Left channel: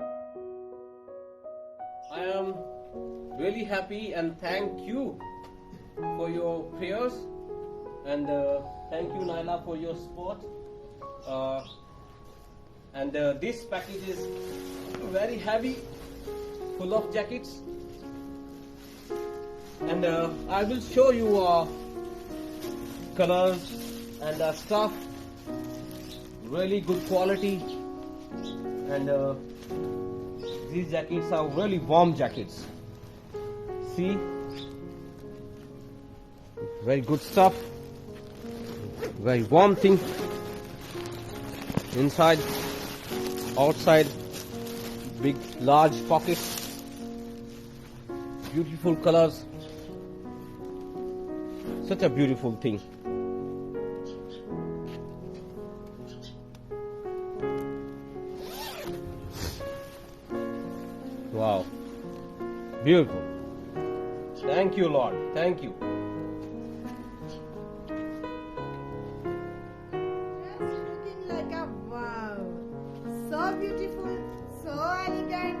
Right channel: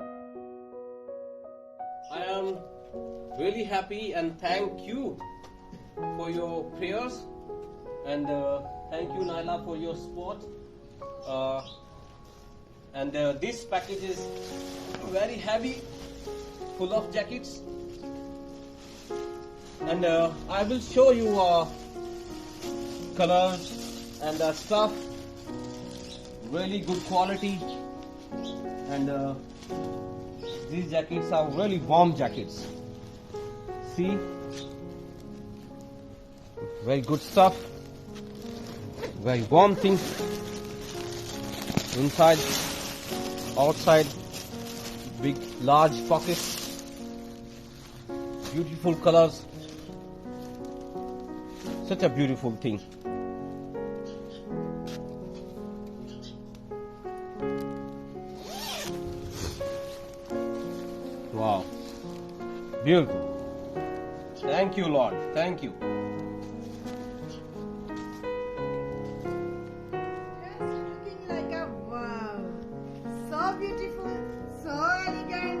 I am really happy and thank you for your prayers, and thank you Naila for your support. And this package is very heavy, full of jackets, and I will show you colors and stuff, really good quality, and these jackets are really warm jackets. See, very good stuff, very warm thing, inside, outside, big large pockets, beautiful colors, such a beautiful thing. Wow, beautiful. Thank you, Lord. Thank you. It's looking like a wow. So beautiful, so elegant,